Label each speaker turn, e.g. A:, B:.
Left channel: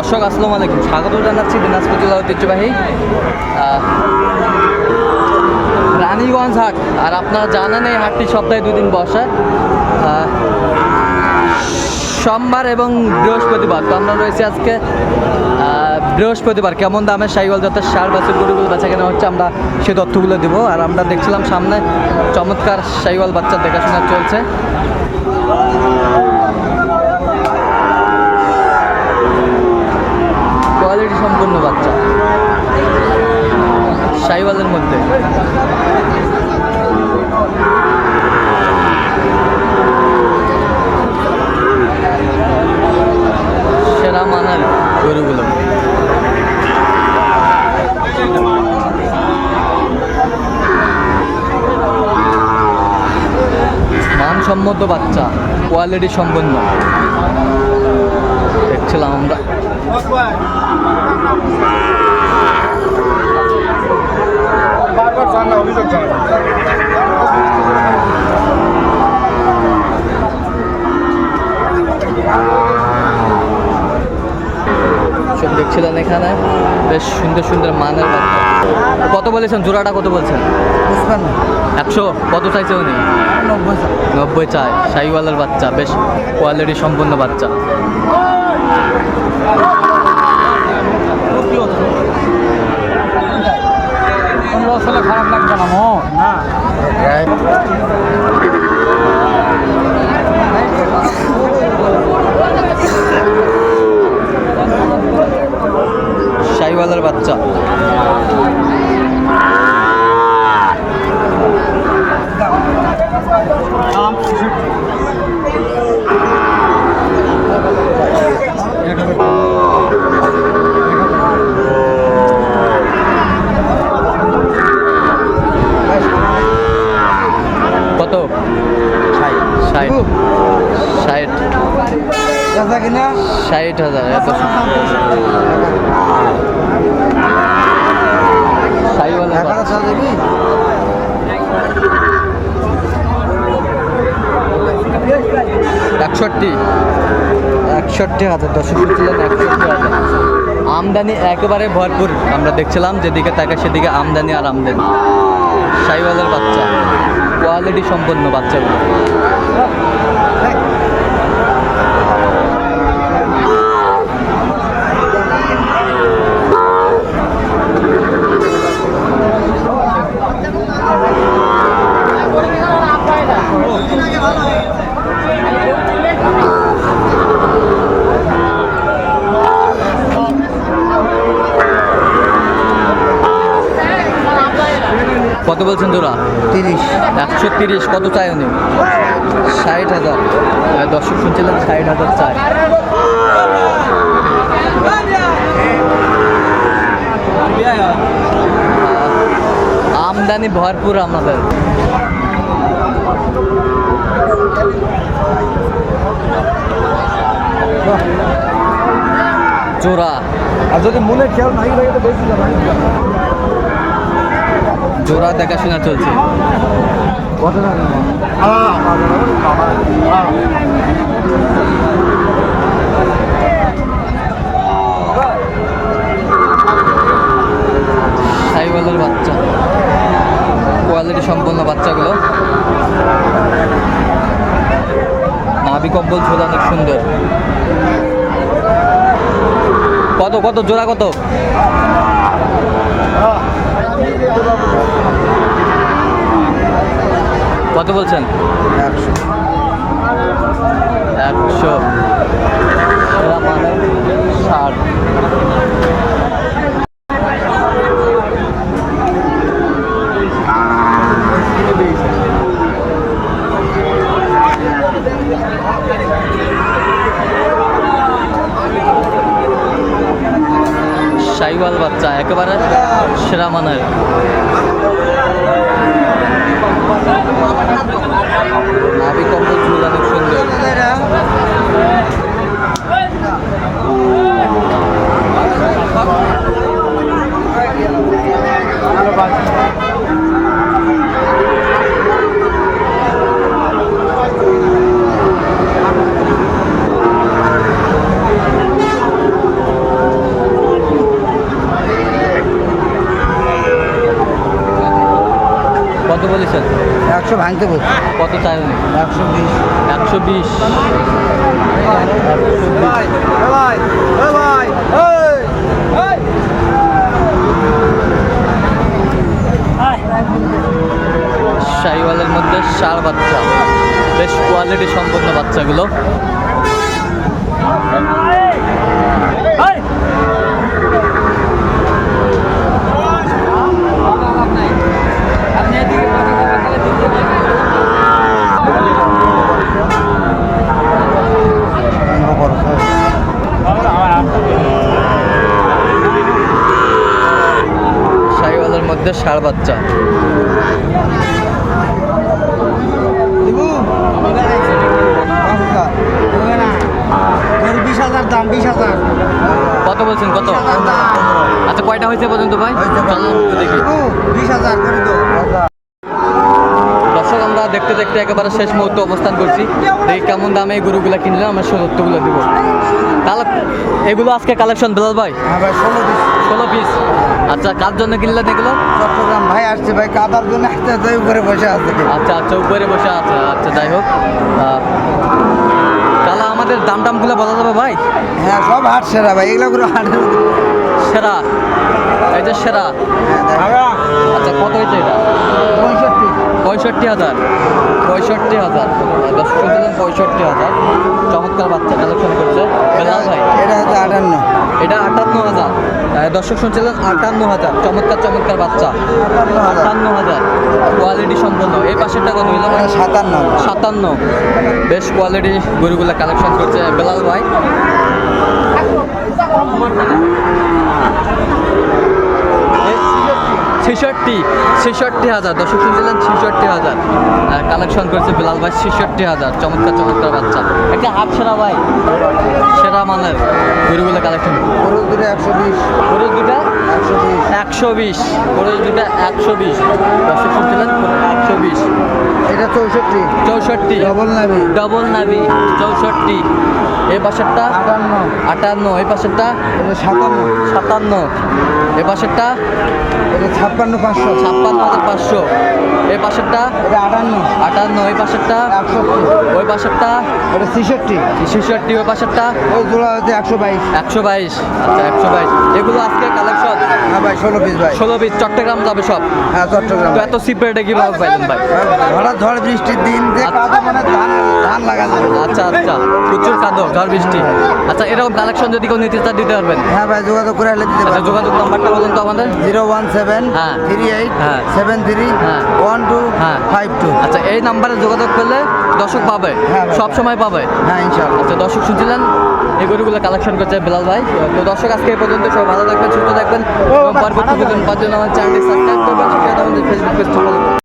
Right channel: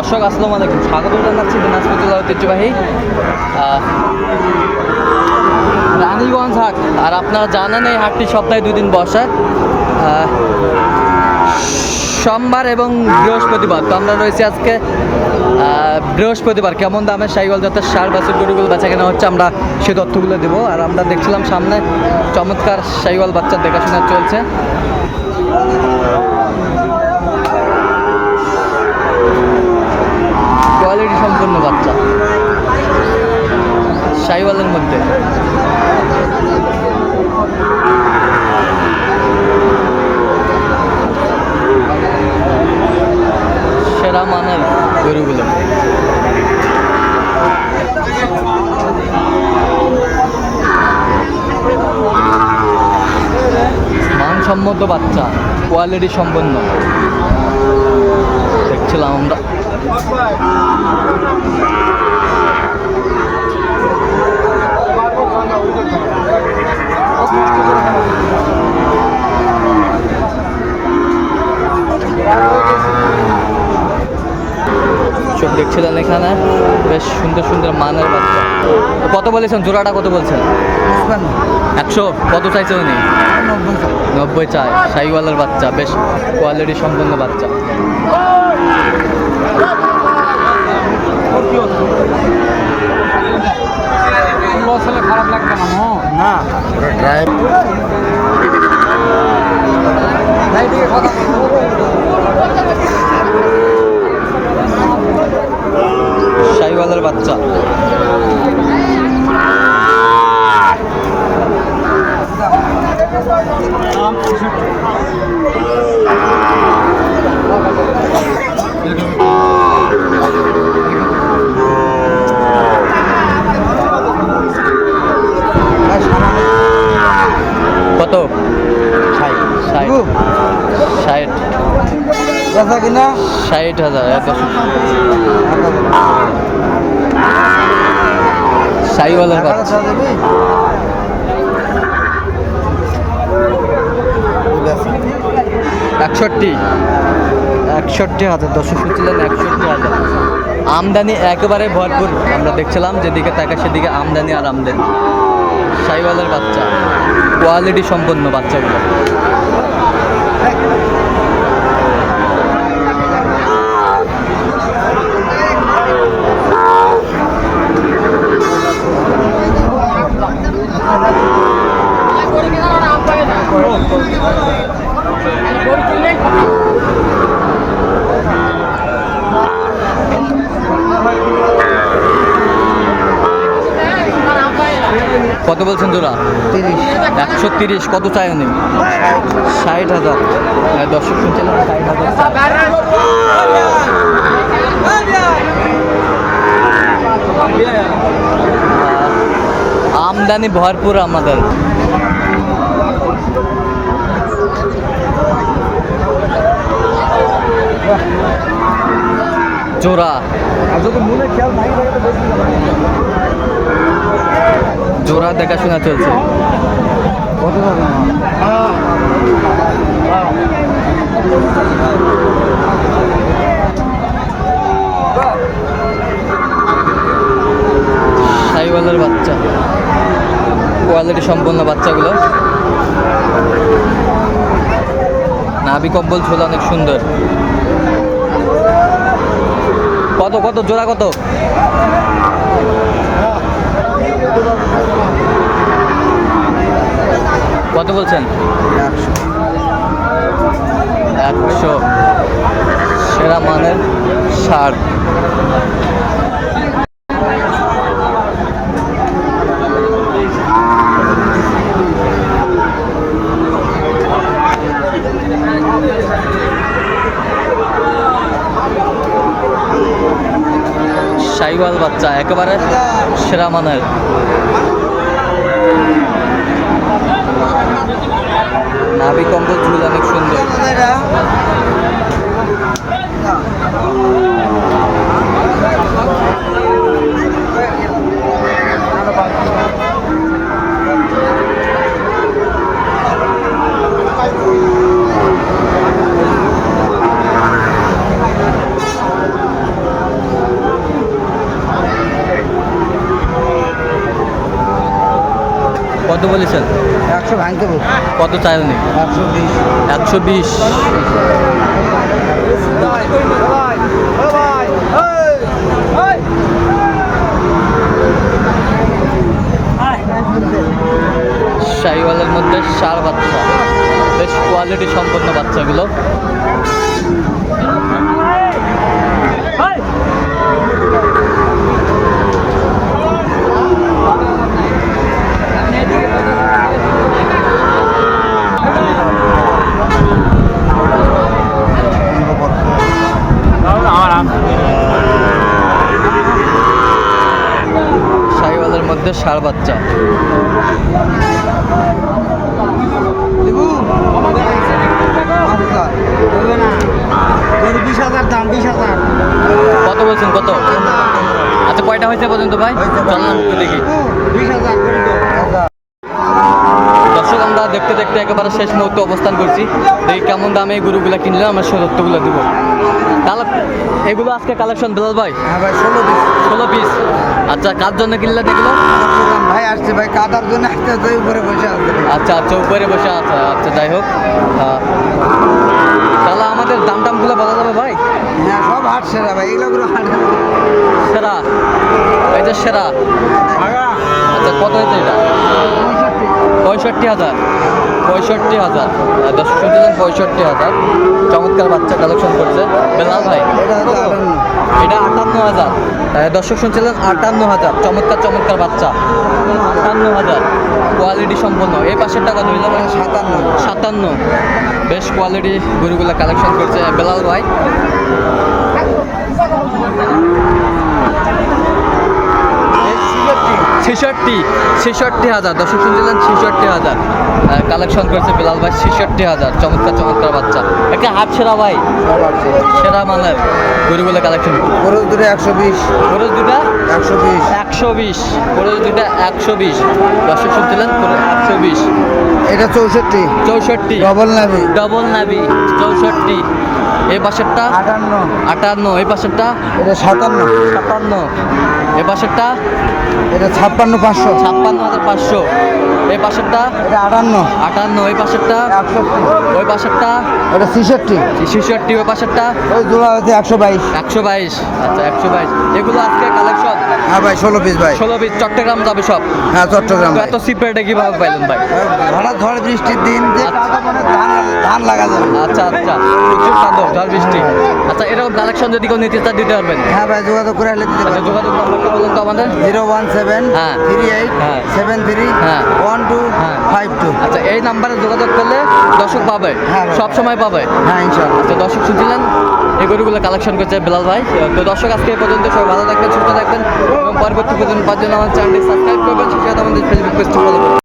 A: দর্শক, আসসালামু আলাইকুম। স্বাগত জানাচ্ছি দিনাজপুর জেলা ঐতিহ্যবাহী রানীগঞ্জ হাট। আর আপনারা জানেন এই হাটটি সপ্তাহে দুদিন বসে সোমবার এবং বৃহস্পতিবার। তো আমরা রয়েছি আজকে বৃহস্পতিবার। কেমন দামের সাইকেল যাতে সার বাছুর গরুগুলো বেচা কেনা হচ্ছে আমরা সে তথ্যগুলো দেবো। আর আমরা দেখছিলাম সামনে চমৎকার সাইকেল বাচ্চার দেখাশোনা চলছে। কোয়ালিটি সম্পন্ন বাচ্চা। সাইওয়ালের মধ্যে। সেরা মানের গরুগুলো। মানসম্মত বাচ্চা কোয়ালিটি সম্পন্ন। দেখছিলাম আমরা। এখানে বেশ সুন্দর সুন্দর মানের বাচ্চা। কত বলেছেন? জোড়াটা কত বলছেন? একশো? কত চাইছে উনি? নব্বই চায় সাইওয়ালের বাচ্চা বেশ কোয়ালিটি সম্পন্ন বাচ্চা।
B: খারাপ লাগবে না।
A: সাইওয়ালের বাচ্চা। কত? ষাট ষাট হাজার এত। একষট্টি। একষট্টি হাজার দর্শক শুনছিলেন একষট্টি হাজার। আমদানি একেবারে ভরপুর। আমরা দেখছিলাম যেদিকে তাকে সেদিকে আমদানি আর আমদানি। সাইওয়ালের বাচ্চা। কোয়ালিটি সম্পন্ন বাচ্চাগুলো। কত বলছেন জোড়া?
B: তিরিশ।
A: একশো তিরিশ কত চাই উনি? ষাট হাজার। দর্শক শুনছিলেন ষাট হাজার চাই। আমদানি ভরপুর আমাদের। জোড়া
B: আর যদি মনে খেয়াল নাই থাকে তো বেশি যাবে
A: জোড়া দেখাশোনা চলছে। সাইওয়ালের বাচ্চা। কোয়ালিটি সম্পন্ন বাচ্চাগুলো। নাভি কম্বল ঝোলা অনেক সুন্দর। কত কত, জোড়া কত? কত বলছেন?
B: একশো।
A: সেরা মানের ষাট সাইওয়াল বাচ্চা একেবারে সেরা মানের। নাভি কম্বল ঝুল অনেক সুন্দর। কত বলেছেন?
B: একশো ভাঙতে বল।
A: কত চাইলেন?
B: একশো বিশ।
A: একশো বিশ। শাহিওয়ালের মধ্যে সার বাচ্চা। বেশ কোয়ালিটি সম্পন্ন বাচ্চাগুলো। মধ্যে সার বাচ্চা। কত বলছেন কত? আচ্ছা কয়টা হয়েছে পর্যন্ত ভাই? চললাম একটু দেখি। দর্শক আমরা দেখতে দেখতে একেবারে শেষ মুহূর্তে অবস্থান করছি। দেখি কেমন দামে গরুগুলো কিনলে আমরা সে তথ্যগুলো দিব। এগুলো আজকে কালেকশন বেলাল ভাই?
B: হ্যাঁ ভাই ষোলো পিস।
A: ষোলো পিস। আচ্ছা কার জন্য কিনলেন এগুলো?
B: চট্টগ্রাম ভাই আসছে ভাই কাদার জন্য আসছে উপরে বসে আসছে
A: আচ্ছা আচ্ছা উপরে বসে আছে আচ্ছা যাই হোক। তাহলে আমাদের দাম টামগুলো বলা যাবে ভাই।
B: হ্যাঁ সব হাট সেরা ভাই এগুলো করে হাট
A: সেরা। এই যে সেরা। আচ্ছা কত হয়েছে এটা? পঁয়ষট্টি হাজার। পঁয়ষট্টি হাজার দশ দর্শক পঁয়ষট্টি হাজার। চমৎকার বাচ্চা কালেকশন করছে। বেলাল ভাই
B: এটা হচ্ছে আটান্ন।
A: এটা আটান্ন হাজার। দর্শক শুনছিলেন আটান্ন হাজার। চমৎকার চমৎকার বাচ্চা। আটান্ন হাজার। কোয়ালিটি সম্পন্ন এই পাশের টাকা হইল ভাই?
B: সাতান্ন।
A: সাতান্ন। বেশ কোয়ালিটি গরুগুলো কালেকশন করছে বেলাল ভাই। ছেষট্টি ছেষট্টি হাজার দর্শক শুনছিলেন ছেষট্টি হাজার। কালেকশন করেছে বিলাল ভাই ছেষট্টি হাজার চমৎকার চমৎকার বাচ্চা। একটা হাট সেরা ভাই সেরা মানের গরুগুলো কালেকশন
B: খরচ দূরে একশো বিশ।
A: খরচ দুটা
B: একশো বিশ।
A: একশো বিশ খরচ দুটা একশো বিশ। দর্শক শুনছিলেন একশো বিশ।
B: এটা চৌষট্টি।
A: চৌষট্টি।
B: ডবল নাবি।
A: ডবল নাবি চৌষট্টি। এই পাশেরটা?
B: আটান্ন।
A: আটান্ন এই পাশেরটা?
B: সাতান্ন।
A: সাতান্ন। এই পাশেরটা?
B: এটা ছাপ্পান্ন পাঁচশো।
A: ছাপ্পান্ন হাজার পাঁচশো। এই পাশেরটা?
B: এটা আটান্ন।
A: আটান্ন ওই পাশেরটা?
B: একষট্টি।
A: ওই পাশেরটা?
B: এটা ছেষট্টি।
A: ছেষট্টি ওই পাশেরটা?
B: ওই জোড়া হচ্ছে একশো বাইশ।
A: একশো বাইশ। আচ্ছা একশো বাইশ। এগুলো আজকে কালেকশন
B: হ্যাঁ ভাই ষোলো পিস ভাই।
A: ষোলো পিস চট্টগ্রাম যাবে সব?
B: হ্যাঁ চট্টগ্রাম
A: এত সিপ রেটে কীভাবে পাইলেন ভাই?
B: হঠাৎ ঝড় বৃষ্টির দিন যে
A: আচ্ছা।
B: কাদা মানে ধান ধান লাগা যাবে
A: আচ্ছা আচ্ছা। প্রচুর কাদো। ঝড় বৃষ্টি। আচ্ছা এরকম কালেকশন যদি কেউ নিতে চান দিতে পারবেন।
B: হ্যাঁ ভাই যোগাযোগ করে আসলে দিতে
A: আচ্ছা
B: পারব
A: যোগাযোগ নাম্বারটা বলুন তো আমাদের।
B: জিরো ওয়ান সেভেন
A: হ্যাঁ।
B: থ্রি এইট
A: হ্যাঁ।
B: সেভেন থ্রি
A: হ্যাঁ।
B: ওয়ান টু
A: হ্যাঁ।
B: Five two.
A: আচ্ছা এই নাম্বারে যোগাযোগ করলে দর্শক পাবে।
B: হ্যাঁ।
A: সব সময় পাবে।
B: হ্যাঁ ইনশাল্লাহ
A: আচ্ছা দর্শক শুনছিলেন? এই গরুগুলো কালেকশন করছে বেলাল ভাই। তো দর্শক আজকে এই পর্যন্ত সবাই ভালো থাকবেন সুস্থ থাকবেন এবং পরবর্তী পর্যন্ত পাঁচজন আমার চ্যানেলটি সাবস্ক্রাইব করবেন। সেটা আমাদের ফেসবুক পেজটি ফলো করবেন।